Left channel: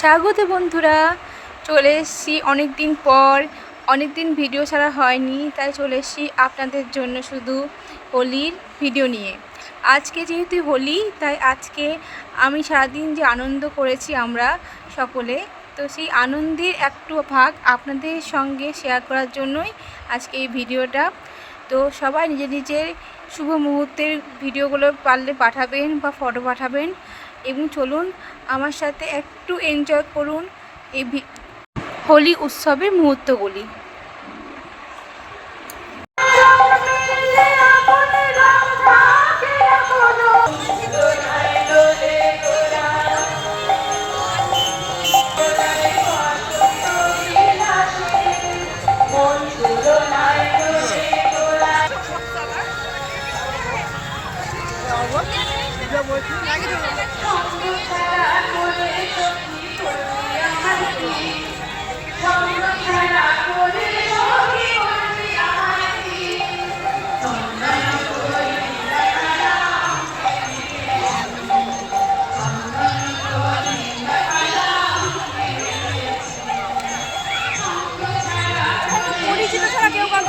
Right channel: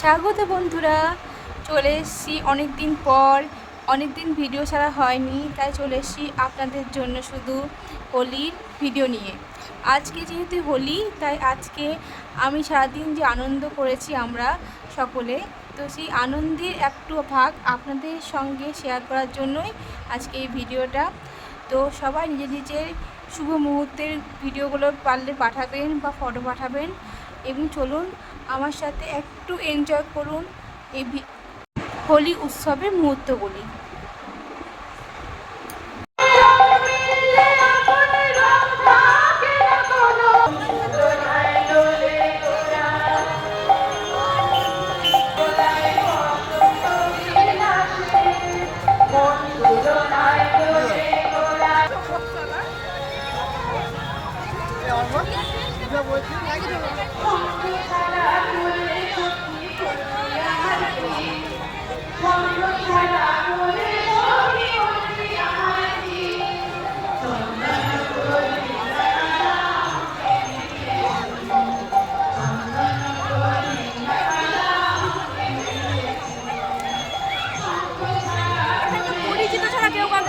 স্বাগত বন্ধুরা, চলে এসেছি অনেক দিন পর। অনেক দিন ভিডিও ছাড়া হয়নি, তাই চলে এসেছি আপনাদের জন্য শুধু হোলির ভিডিও নিয়ে। আজকে যেহেতু হোলি, তাই আজকে আমি সারাদিন যে আনন্দ করেছি আমরা সকলে, তো সেই আনন্দের একটু ভাগ আপনাদের সঙ্গে শেয়ার করার জন্যই আজকে এই ভিডিওটা। তো সবাই নিজের নিজের শুভ মুহূর্তের ভিডিওগুলো পারলে পাঠাবেন বা ফটো পাঠাবেন, এবং চলুন আমার সাথে একটু এনজয় করুন এই হোলি উৎসবের মুহূর্তগুলি।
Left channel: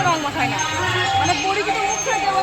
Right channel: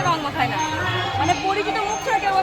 রং মাখায় না, মানে পরিচিত মুখ ছাড়া কেউ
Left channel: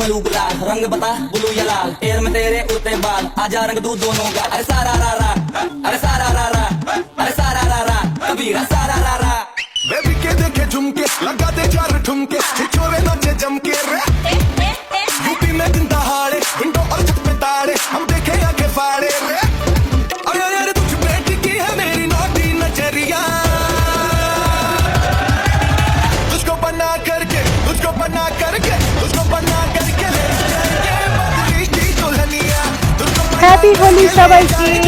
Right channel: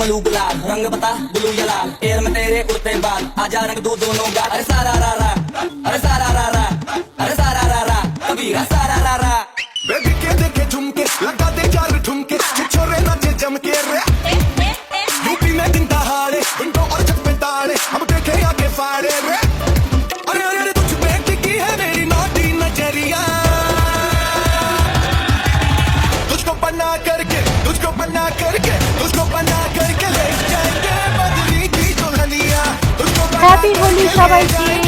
मलू गुलाल रंग बता ब्लू या लाल पैर में तेरे उड़ते बाल आजा रंग दो दोनों गाल अरे सारा रा रा अरे सारा रा रा अरे सारा रा रा कबीरा सारा रा रा बेबी के देखे झुमके लगा दे चार ठुमके छोरे नाचे जमके यूपी में दिन दहाड़े इनको अचक में ताड़े हम देखे आगे फाड़े अरे अरे तुझ में टिकी है मेरी नौटी नजरिया तुझको बना करके तुझको बना करके तुझको बना হ্যাপি হোলি সবাইকে।